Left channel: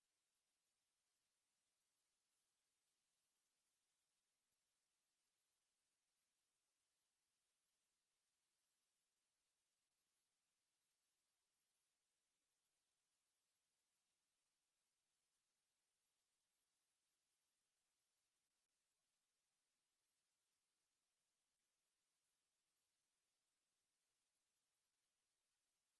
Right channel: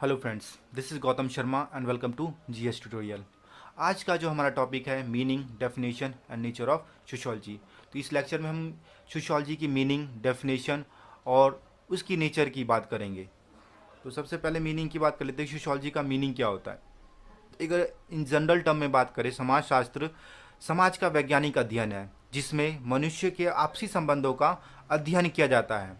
Hello friends, this is Gautam Sharma and welcome to GS tutorial. आज का जो हमारा टॉपिक है meaning, definition and nature of sociology. तो इस लेक्चर में हम सोशियोलॉजी की मीनिंग, डेफिनेशन और उसकी नेचर की बात करेंगे। तो सबसे पहले मीनिंग की बात कर लेते हैं। सोशियोलॉजी का मीनिंग क्या होता है? अगर इन जनरल टर्म में बात करें, समाजशास्त्र समाज का वैज्ञानिक अध्ययन है जिसमें मनुष्य के आपसी संबंधों का अध्ययन किया जाता है।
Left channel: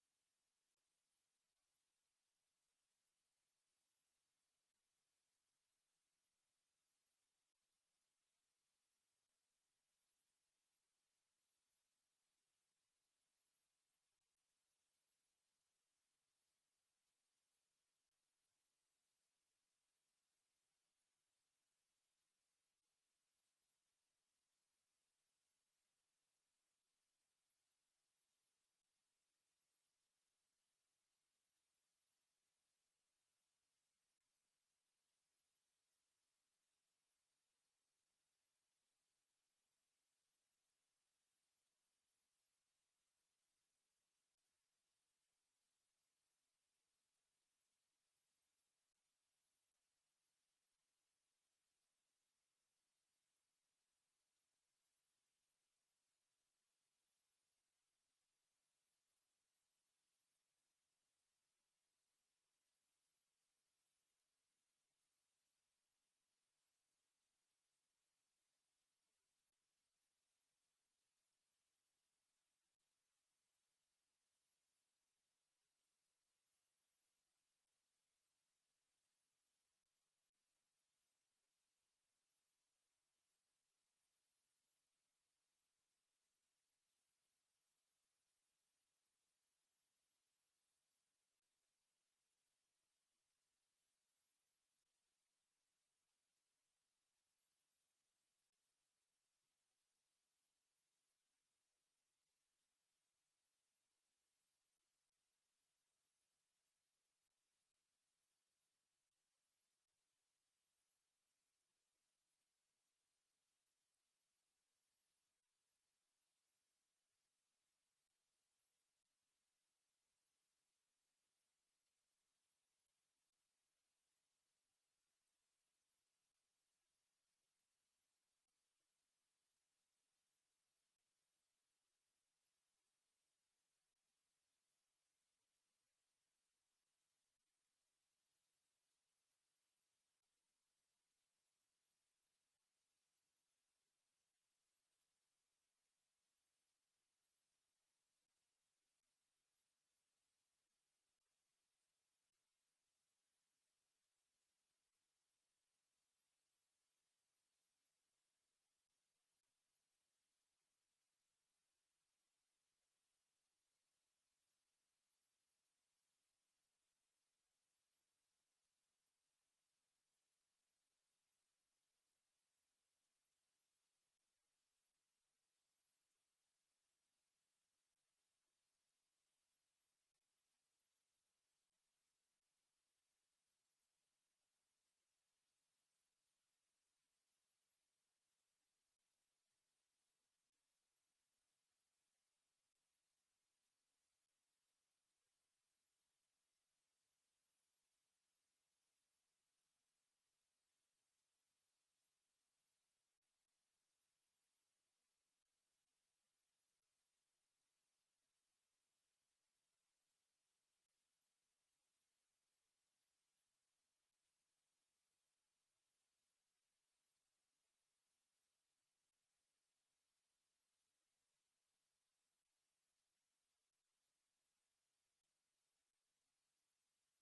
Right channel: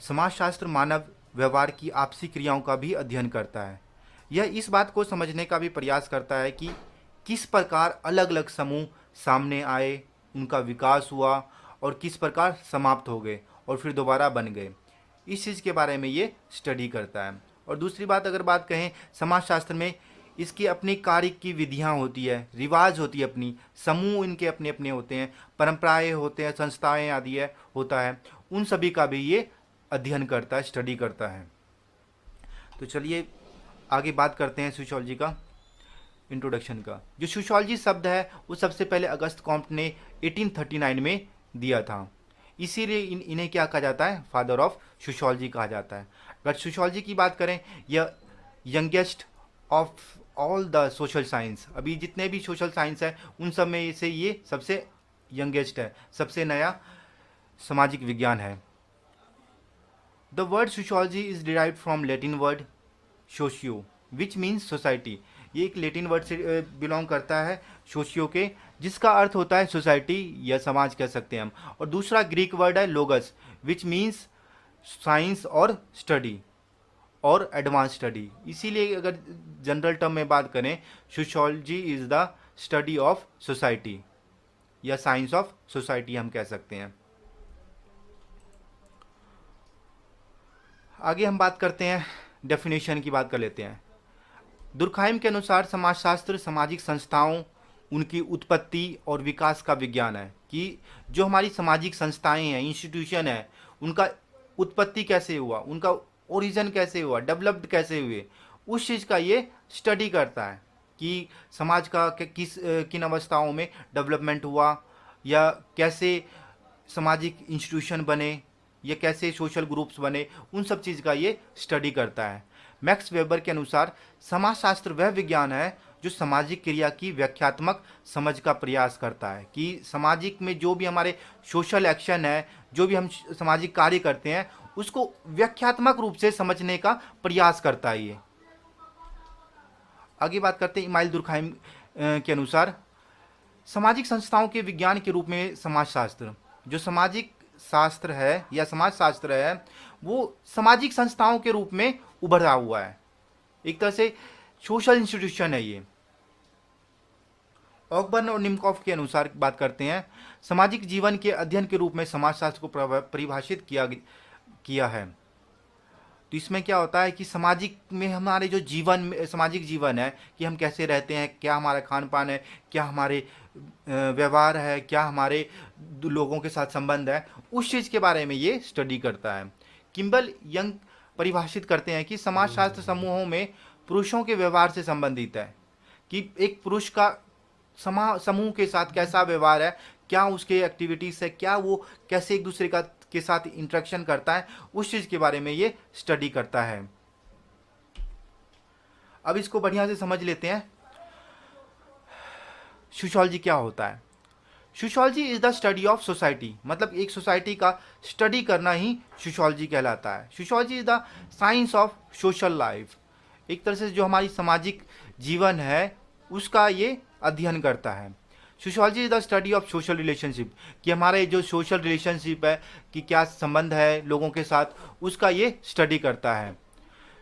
समाजशास्त्र मानव व्यवहार की आपसी क्रियाओं का भी अध्ययन करता है। यह इस बात को समझने का भी प्रयास करता है कि किस प्रकार अलग अलग समूह सामने आए, उनका विकास हुआ और किस प्रकार समाप्त हो गए और फिर दोबारा बन गए। इस चीज़ के बारे में ये स्टडी करता है। और दूसरी बात अगर बात कहें, समाजशास्त्र में इसकी अपनी कार्य की विधियाँ होती है, रिवाज होती है, अपनी समूह इनके अपने अपने होते हैं, परंपराएं होते हैं, संस्थाएं आदि है होता है। उन सभी का भी ये अध्ययन करता है, स्टडी करता है। तो चलिए आगे बात करते हैं सोशियोलॉजी का इंट्रोडक्शन का। जो सोशियोलॉजी शब्द है वो सबसे पहले अगस्त कॉम्ट ने 1839 में दिया था। इसीलिए इन्हें क्या कहा जाता है? फादर ऑफ सोशियोलॉजी कहा जाता है। अगर सोशियोलॉजी की बात करें, यह youngest of all the social science, अभी जितने भी सोशल साइंस है उन सब में से ये सबसे यंगेस्ट है, सबसे नया सामाजिक विज्ञान है। The word sociology is derived from Latin word socio, which means society। ये एक लेटिन वर्ड से बिलोंग करता है, सोशियो के, जिसका अर्थ होता है सोसाइटी या समाज कह सकते हैं हम। और दूसरा ग्रीक वर्ड है लोगस, विच मीन्स साइंस और स्टडी और एडवांस स्टडी। इसीलिए अगर जनरल टर्म में बात करें, sociology is the study of society या साइंस ऑफ सोसाइटी हम कह सकते हैं। आगे हम बात करते हैं, डेफिनेशन की बात कर लेते हैं। दुर्खाइम के अनुसार समाजशास्त्र सामाजिक संस्थाओं, उनकी उत्पत्ति और विकास का विज्ञान है। कि जो हमारी सामाजिक संस्थाएं हैं, इंस्टीट्यूशन है, उनका उत्पत्ति कैसे हुआ, उनका ओरिजिन कैसे हुआ, डेवलप्ड कैसे हुए, उस चीज़ का ये स्टडी करता है कि समाज का किन अवस्थाओं में डेवलपमेंट हुआ या कैसे सामाजिक इंस्टीट्यूशन बने या कैसे सोशल ग्रुप्स बने, उन सब चीज़ का ये स्टडी करता है। मैक्स वेबर के अनुसार समाजशास्त्र वह विज्ञान है जो सामाजिक क्रिया की व्याख्यात्मक समझ का प्रयास करता है। कि सामाजिक में जो भी हमारे सोशल एक्शन है, जो भी हम सामाजिक कार्य करते हैं, उसको व्याख्यात्मक रूप से समझने का प्रयास करता है ये। आगे बात करते हैं, इमाइल दुर्खाइम के अनुसार सामाजिक संस्थाओं के विज्ञान के रूप में समाजशास्त्र, जो सामाजिक शास्त्र है या समाजशास्त्र है, वो सामाजिक संस्थाओं के रूप में उभरा हुआ है। एक तरह से सोशल इंस्टीट्यूशन है ये। ऑकबर्न और निमकॉफ के अनुसार बात करते हैं, सामाजिक जीवन के अध्ययन के रूप में समाजशास्त्र को परिभाषित किया है। तो इसमें क्या होता है कि सामाजिक में हमारे जो जीवन, सामाजिक जीवन है कि हम कैसे रहते हैं, क्या हमारा खान पान है, क्या हमारे व्यवहार है, क्या हमारे लोगों के साथ संबंध है, उस चीज़ के बारे में ये स्टडी करता है। किम्बल यंग परिभाषित करते हैं कि समाजशास्त्र समूहों में पुरुषों के व्यवहार से संबंधित है। कि एक पुरुष का समूह के साथ कैसा व्यवहार है, क्या उसके एक्टिविटीज़ है, क्या वो कैसे एक दूसरे का के साथ इंटरेक्शन करता है, उस चीज़ के बारे में ये स्टडी करता है। अब इसको बढ़िया से समझ लेते हैं, सोशियोलॉजी क्या होता है। Sociology is the study of society, मतलब एक सोसाइटी का स्टडी करना ही सोशियोलॉजी कहलाता है। Sociology is the science of social life, एक तरह से जो हमारी सामाजिक जीवन है उसका ये अध्ययन करता है। Sociology is the study of social relationship, कि हमारे जो सोशल रिलेशनशिप है कि क्या संबंध है लोगों के साथ, उसका ये स्टडी करता है।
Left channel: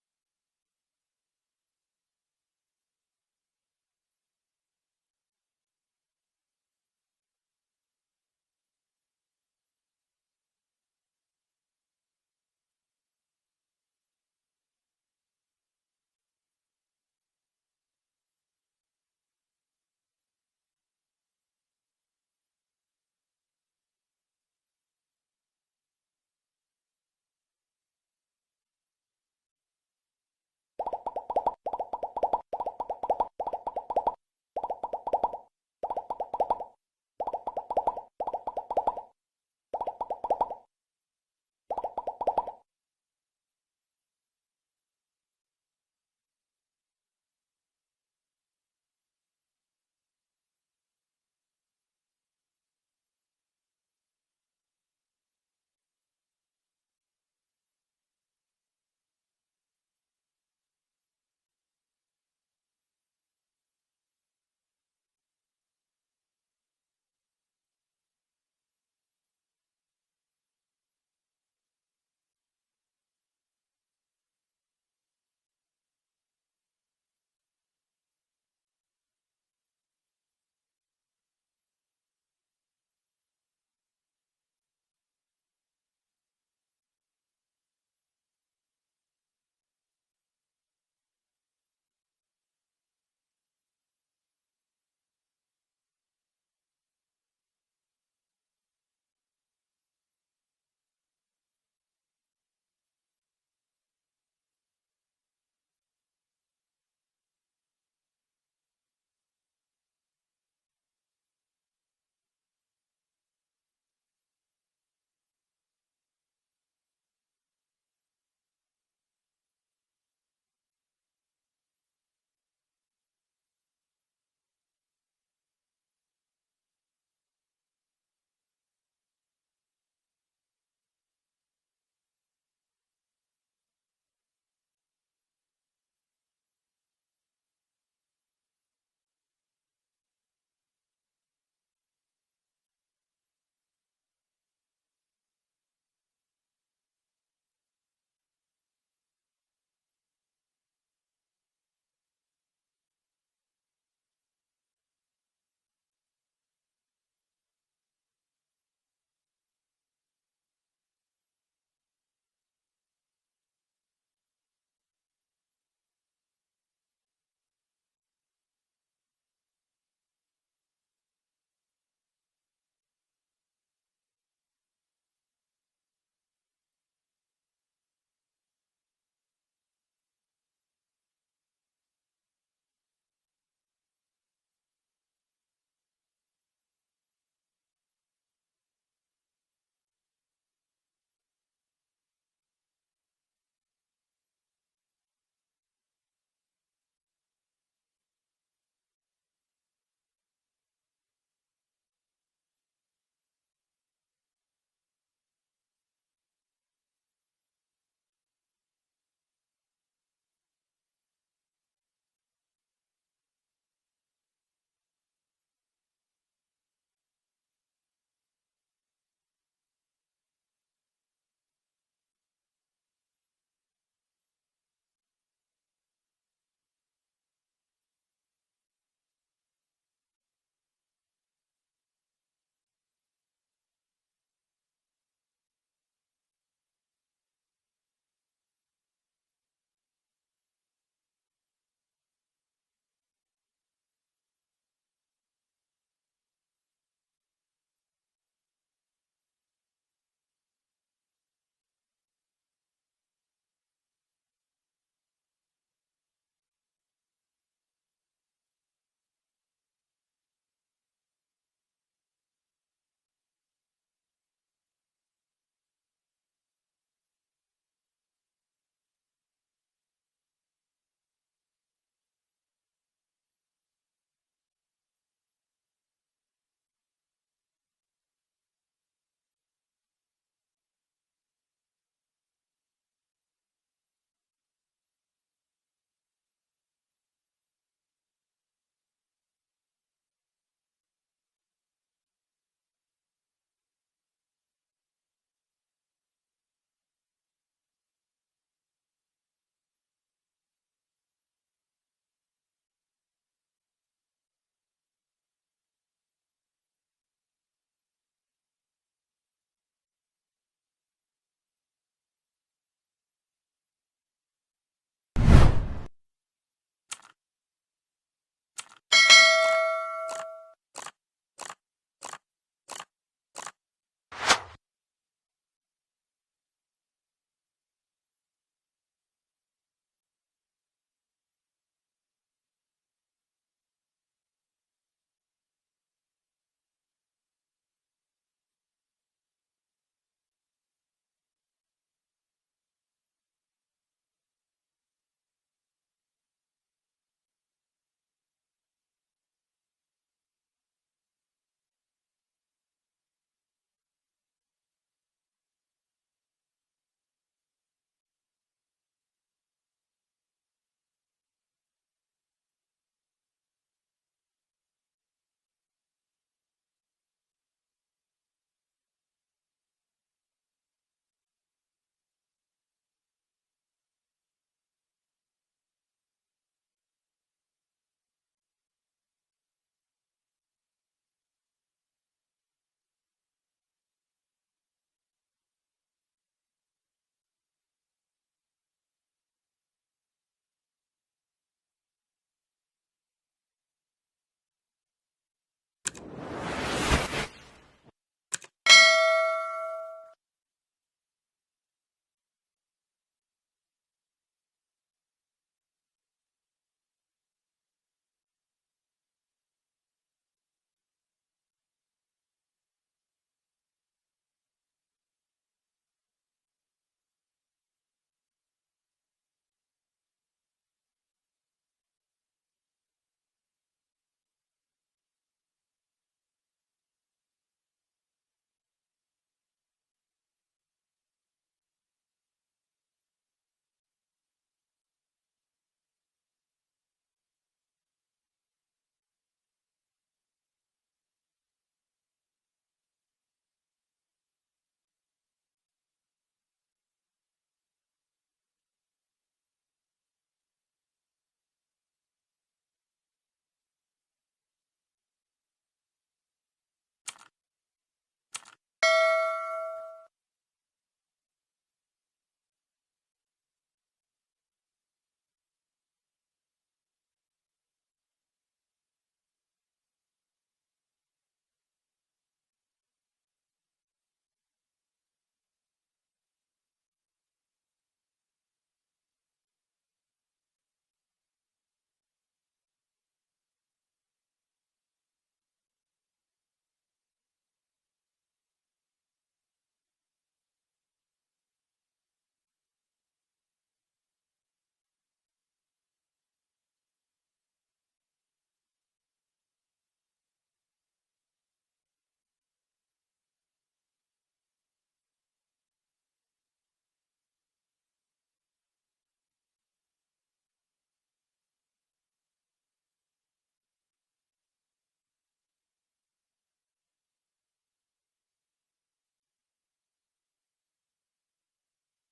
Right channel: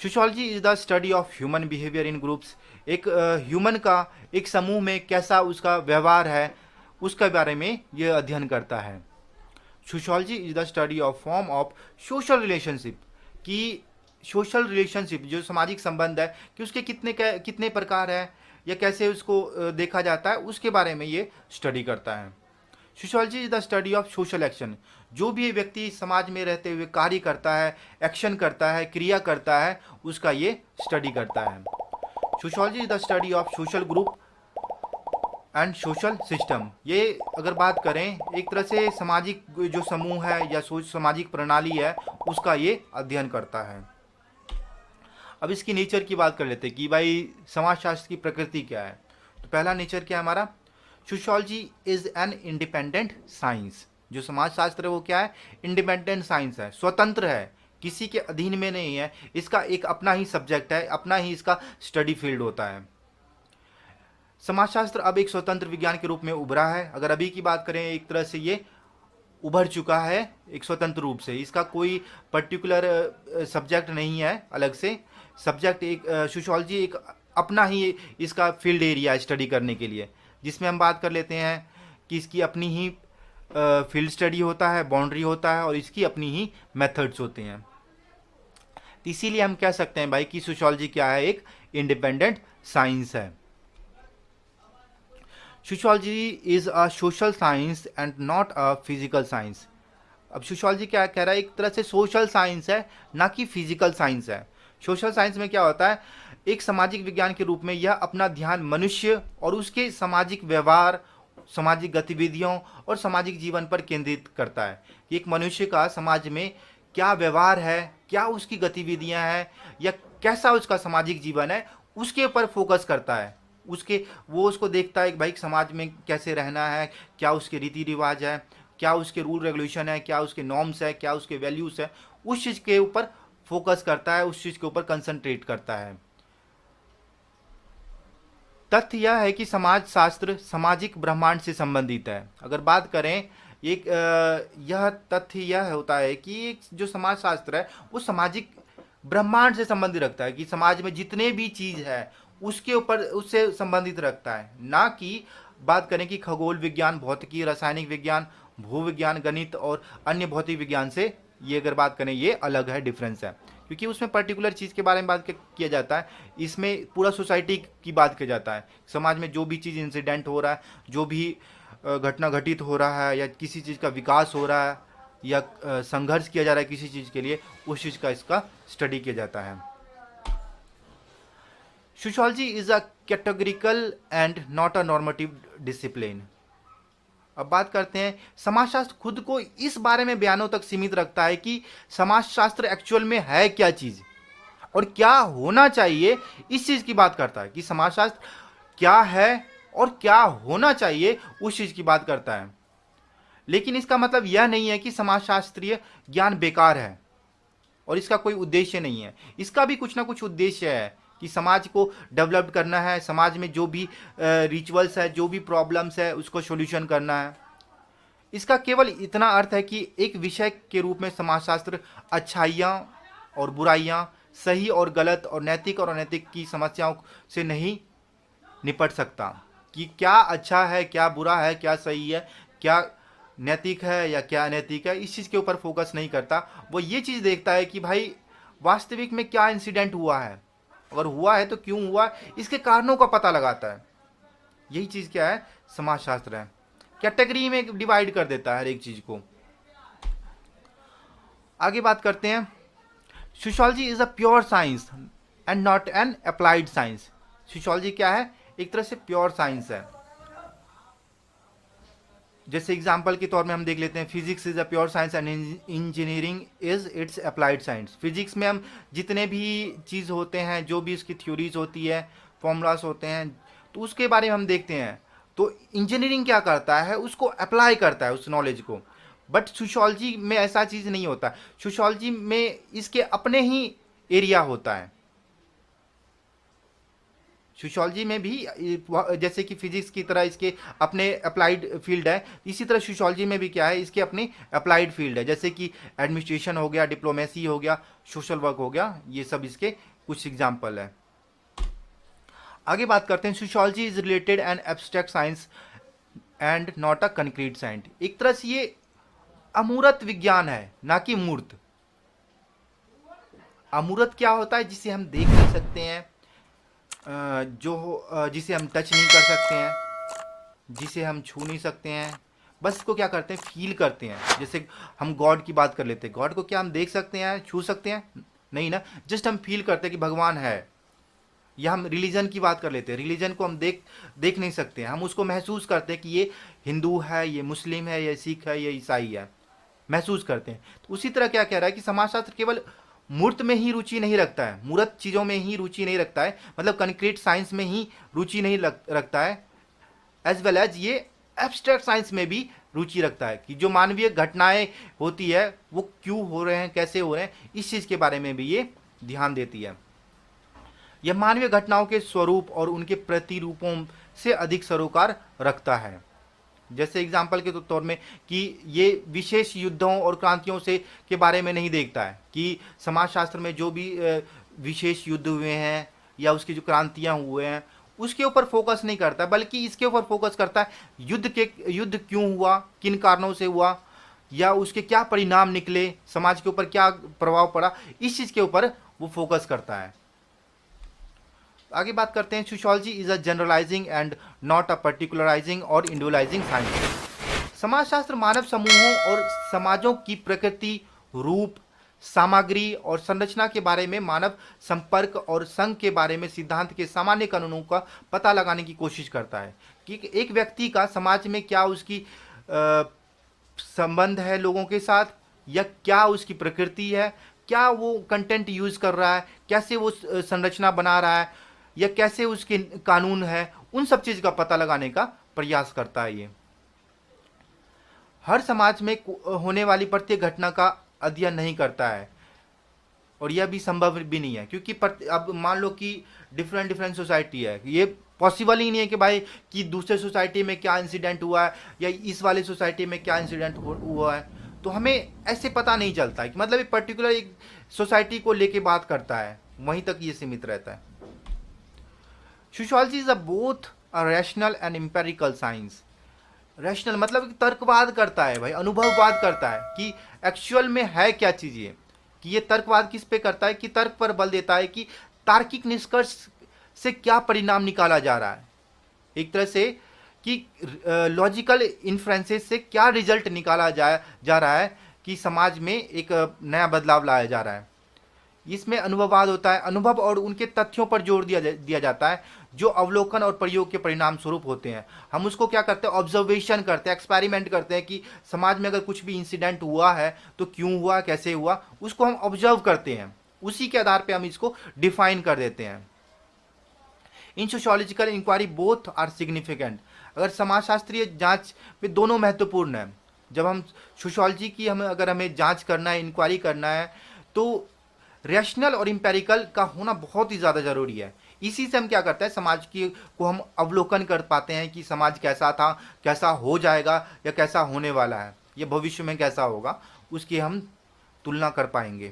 Sociology is the study of human behaviour in groups, एक ह्यूमन का एक समूह में कैसा उसका व्यवहार है, उसके बारे में ये अध्ययन करता है। Sociology is the study of form of social relationship, कि सोशल रिलेशनशिप जो सामाजिक संबंध है कि उसके कितने प्रकार है या कैसे उसको देखा जाता है, उसके बारे में ये स्टडी करता है। Sociology is the study of social action, जो भी व्यक्ति समाज में रहते हुए कार्य करता है, एक्शन करता है, क्रिया करता है, उसका ये स्टडी करता है। Sociology is the study of social group and social system, ये अगर बात करें एक तरह से सामाजिक जो समूह है या सामाजिक प्रणाली है, उसका ये अध्ययन करता है। अब इसकी नेचर की बात कर लेते हैं कि भाई समाजशास्त्र की प्रकृति क्या है। तो पहला नेचर क्या है हमारा, sociology is an independent science. जो समाजशास्त्र है वो क्या है, इंडिपेंडेंट साइंस है, स्वतंत्र है, किसी के अधीन में नहीं है, इसका एक अपना ही सब्जेक्ट है, अपना ही इसका स्टडी फील्ड होता है। समाजशास्त्र अब एक स्वतंत्र विज्ञान के रूप में उभरा है। अगर अभी की बात करें, एक तरह से ये उभर चुका है एक स्वतंत्र रूप से, इसका कोई पर्टिकुलर सब्जेक्ट नहीं है अलग से। सब्जेक्ट एक सोशियोलॉजी एक अपना ही इसका फील्ड एरिया है स्टडी करने के लिए, जिसमें हम बात कर लेते हैं कि इसकी अपनी ही फील्ड स्टडी होता है, बाउंड्री होता है और इसकी अपनी ही मेथड्स होते हैं। तो इसीलिए हम कह सकते हैं भाई कि सोशियोलॉजी क्या है, एक इंडिपेंडेंट साइंस है। Sociology is a social science and not a physical science. अब सोशियोलॉजी क्या कह रहा है, एक तरह से सोशल साइंस है, ना कि फिजिकल साइंस है। सोशल साइंस में क्या होता है, एक सामाजिक विज्ञान के रूप में यह अपना ध्यान मनुष्य और उसके सामाजिक व्यवहार, सामाजिक गतिविधियों और सामाजिक जीवन पर केंद्रित करता है। एक मनुष्य का समाज में क्या व्यवहार है, क्या उसकी गतिविधियां हैं, या कैसा उसका सामाजिक जीवन है, उसके ऊपर फोकस करता है। वो उसको देखता है कि भाई समाज में कैसे रहना है, क्या उसके रीति रिवाज है, क्या उसके रूल रेगुलेशन है, क्या उसके नॉर्म्स है, क्या उसके वैल्यूज़ है, उस चीज़ के ऊपर फोकस करता है, उस चीज़ के ऊपर कंसंट्रेट करता है। तथ्य यह है कि समाज शास्त्र सामाजिक ब्रह्मांड से संबंधित है। अगर बात करें एक यह तथ्य यह होता है कि जो समाज शास्त्र है वो सामाजिक ब्रह्मांड से संबंधित रखता है, कि समाज में जितने भी चीज़ है उसके ऊपर उससे संबंधित रखता है, ना कि बात करें कि खगोल विज्ञान, भौतिकी, रासायनिक विज्ञान, भूविज्ञान, गणित और अन्य भौतिक विज्ञान से ये अगर बात करें ये अलग है, डिफरेंस है, क्योंकि उसमें पर्टिकुलर चीज़ के बारे में बात किया जाता है। इसमें पूरा सोसाइटी की बात किया जाता है, समाज में जो भी चीज़ इंसिडेंट हो रहा है, जो भी घटना घटित हो रहा है, या किसी चीज़ का विकास हो रहा है, या संघर्ष किया जा रहा है किसी चीज़ के लिए, उस चीज़ का इसका स्टडी किया जाता है। Sociology is a categorical and not a normative discipline. अब बात करते हैं, समाजशास्त्र खुद को इस बारे में बयानों तक सीमित रखता है कि समाजशास्त्र एक्चुअल में है क्या चीज और क्या होना चाहिए, इस चीज की बात करता है कि समाजशास्त्र क्या है और क्या होना चाहिए, उस चीज की बात करता है। लेकिन इसका मतलब यह नहीं है कि समाजशास्त्रीय ज्ञान बेकार है और इसका कोई उद्देश्य नहीं है। इसका भी कुछ ना कुछ उद्देश्य है कि समाज को डेवलप करना है, समाज में जो भी रिचुअल्स है, जो भी प्रॉब्लम्स है, उसको सॉल्यूशन करना है। इसका केवल इतना अर्थ है कि एक विषय के रूप में समाजशास्त्र अच्छाइयाँ और बुराइयाँ, सही और गलत और नैतिक और अनैतिक की समस्याओं से नहीं निपट सकता, कि क्या अच्छा है, क्या बुरा है, क्या सही है, क्या नैतिक है या क्या अनैतिक है, इस चीज़ के ऊपर फोकस नहीं करता। वो ये चीज़ देखता है कि भाई वास्तविक में क्या इंसिडेंट हुआ है, अगर हुआ है तो क्यों हुआ, इसके कारणों का पता लगाता है। यही चीज़ क्या है, समाजशास्त्र है। कैटेगरी में डिवाइड कर देता है हर एक चीज़ को। आगे बात करते हैं, sociology is a pure science and not an applied science. Sociology क्या है, एक तरह से प्योर साइंस है। जैसे एग्जाम्पल के तौर में हम देख लेते हैं, physics is a pure science and engineering is it's applied science. Physics में हम जितने भी चीज़ होते हैं, जो भी उसकी थ्योरीज होती है, फॉर्मूलाज होते हैं, तो उसके बारे में हम देखते हैं। तो इंजीनियरिंग क्या करता है, उसको अप्लाई करता है उस नॉलेज को। बट सोशियोलॉजी में ऐसा चीज़ नहीं होता। सोशियोलॉजी में इसके अपने ही एरिया होता है। सोशियोलॉजी में भी जैसे कि फिजिक्स की तरह इसके अपने अप्लाइड फील्ड है, इसी तरह सोशियोलॉजी में भी क्या है, इसके अपनी अप्लाइड फील्ड है। जैसे कि एडमिनिस्ट्रेशन हो गया, डिप्लोमेसी हो गया, सोशल वर्क हो गया, ये सब इसके कुछ एग्जाम्पल है। आगे बात करते हैं, sociology is related and abstract science and not a concrete science. एक तरह से ये अमूर्त विज्ञान है, ना कि मूर्त। अमूर्त क्या होता है, जिसे हम देख नहीं सकते हैं, जिसे हम टच नहीं कर सकते हैं, जिसे हम छू नहीं सकते हैं, बस इसको क्या करते हैं, फील करते हैं। जैसे हम गॉड की बात कर लेते हैं, गॉड को क्या हम देख सकते हैं, छू सकते हैं, नहीं ना, जस्ट हम फील करते हैं कि भगवान है। या हम रिलीजन की बात कर लेते हैं, रिलीजन को हम देख नहीं सकते हैं, हम उसको महसूस करते हैं कि ये हिंदू है, ये मुस्लिम है, ये सिख है, ये ईसाई है, महसूस करते हैं। तो उसी तरह क्या कह रहा है कि समाजशास्त्र केवल मूर्त में ही रुचि नहीं रखता है, मूर्त चीज़ों में ही रुचि नहीं रखता है, मतलब कंक्रीट साइंस में ही रुचि नहीं रखता है, एज वेल एज ये एब्स्ट्रैक्ट साइंस में भी रुचि रखता है कि जो मानवीय घटनाएं होती है वो क्यों हो रहे हैं, कैसे हो रहे हैं, इस चीज़ के बारे में भी ये ध्यान देती है। यह मानवीय घटनाओं के स्वरूप और उनके प्रतिरूपों से अधिक सरोकार रखता है। जैसे एग्जाम्पल के तौर में कि ये विशेष युद्धों और क्रांतियों से के बारे में नहीं देखता है कि समाजशास्त्र में जो भी विशेष युद्ध हुए हैं या उसकी जो क्रांतियां हुए हैं उसके ऊपर फोकस नहीं करता, बल्कि इसके ऊपर फोकस करता है युद्ध क्यों हुआ, किन कारणों से हुआ, या उसके क्या परिणाम निकले, समाज के ऊपर क्या प्रभाव पड़ा, इस चीज़ के ऊपर वो फोकस करता है। आगे बात करते हैं, sociology is a generalising and not a particularising और इंडिविजुअलाइजिंग साइंस। समाजशास्त्र मानव समूहों और समाजों की प्रकृति, रूप, सामग्री और संरचना के बारे में, मानव संपर्क और संघ के बारे में सिद्धांत के सामान्य कानूनों का पता लगाने की कोशिश करता है कि एक व्यक्ति का समाज में क्या उसकी संबंध है लोगों के साथ, या क्या उसकी प्रकृति है, क्या वो कंटेंट यूज कर रहा है, कैसे वो संरचना बना रहा है, या कैसे उसके कानून है, उन सब चीज का पता लगाने का प्रयास करता है। ये हर समाज में होने वाली प्रत्येक घटना का अध्ययन नहीं करता है, और यह भी संभव भी नहीं है, क्योंकि अब मान लो कि डिफरेंट डिफरेंट सोसाइटी है, ये पॉसिबल ही नहीं है कि भाई कि दूसरे सोसाइटी में क्या इंसिडेंट हुआ है या इस वाले सोसाइटी में क्या इंसिडेंट हुआ है, तो हमें ऐसे पता नहीं चलता है कि मतलब एक पर्टिकुलर एक सोसाइटी को लेके बात करता है, वहीं तक ये सीमित रहता है। Sociology is a both a rational and empirical science. Rational मतलब तर्कवाद करता है भाई, अनुभववाद करता है कि एक्चुअल में है क्या चीज ये, कि ये तर्कवाद किस पे करता है, कि तर्क पर बल देता है कि तार्किक निष्कर्ष से क्या परिणाम निकाला जा रहा है, एक तरह से कि लॉजिकल इन्फ्रेंसेस से क्या रिजल्ट निकाला जा रहा है, कि समाज में एक नया बदलाव लाया जा रहा है। इसमें अनुभववाद होता है, अनुभव और उनके तथ्यों पर जोर दिया जाता है जो अवलोकन और प्रयोग के परिणाम स्वरूप होते हैं। हम उसको क्या करते हैं, ऑब्जर्वेशन करते हैं, एक्सपेरिमेंट करते हैं कि समाज में अगर कुछ भी इंसिडेंट हुआ है तो क्यों हुआ, कैसे हुआ, उसको हम ऑब्जर्व करते हैं, उसी के आधार पर हम इसको डिफाइन कर देते हैं। In sociological inquiry both are significant. अगर समाजशास्त्रीय जांच में दोनों महत्वपूर्ण है। जब हम सोशियोलॉजी की अगर हमें जांच करना है, इंक्वायरी करना है, तो रैशनल और इंपेरिकल का होना बहुत ही ज़्यादा ज़रूरी है। इसी से हम क्या करते हैं, समाज की को हम अवलोकन कर पाते हैं कि समाज कैसा था, कैसा हो जाएगा, या कैसा होने वाला है, या भविष्य में कैसा होगा, उसकी हम तुलना कर पाएंगे।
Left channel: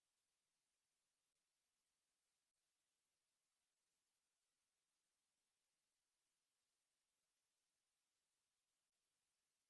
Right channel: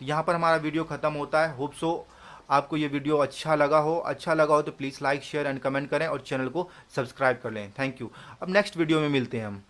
तो यहाँ पर हमारा वीडियो ख़त्म होता है। होप सो आपको ये वीडियो अच्छा लगा हो तो please like, share and comment करें और चैनल को सब्सक्राइब कर लें। Thank you. अब नेक्स्ट वीडियो में मिलते हैं हम।